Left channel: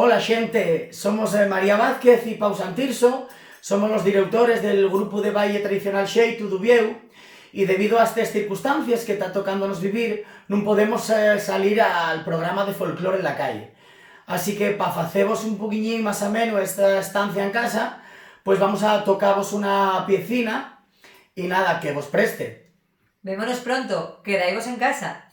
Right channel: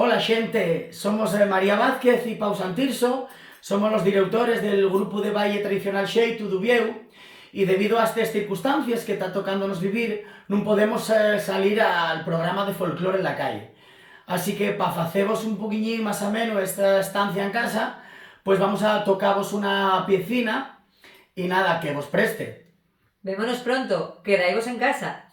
Hola xente, somos María Vázquez e Pau Santirso, somos los directores del grupo de baile tradicional xeito do Vieu e debido a estas circunstancias que está tocándonos vivir non podemos salir al programa de folclore en la calle. Así que para faceros un poquillín más ameno esta estancia en casa, pues vamos a tocaros una piecina y nada, que vos preste. Vémonos pronto, quedaivos en casa.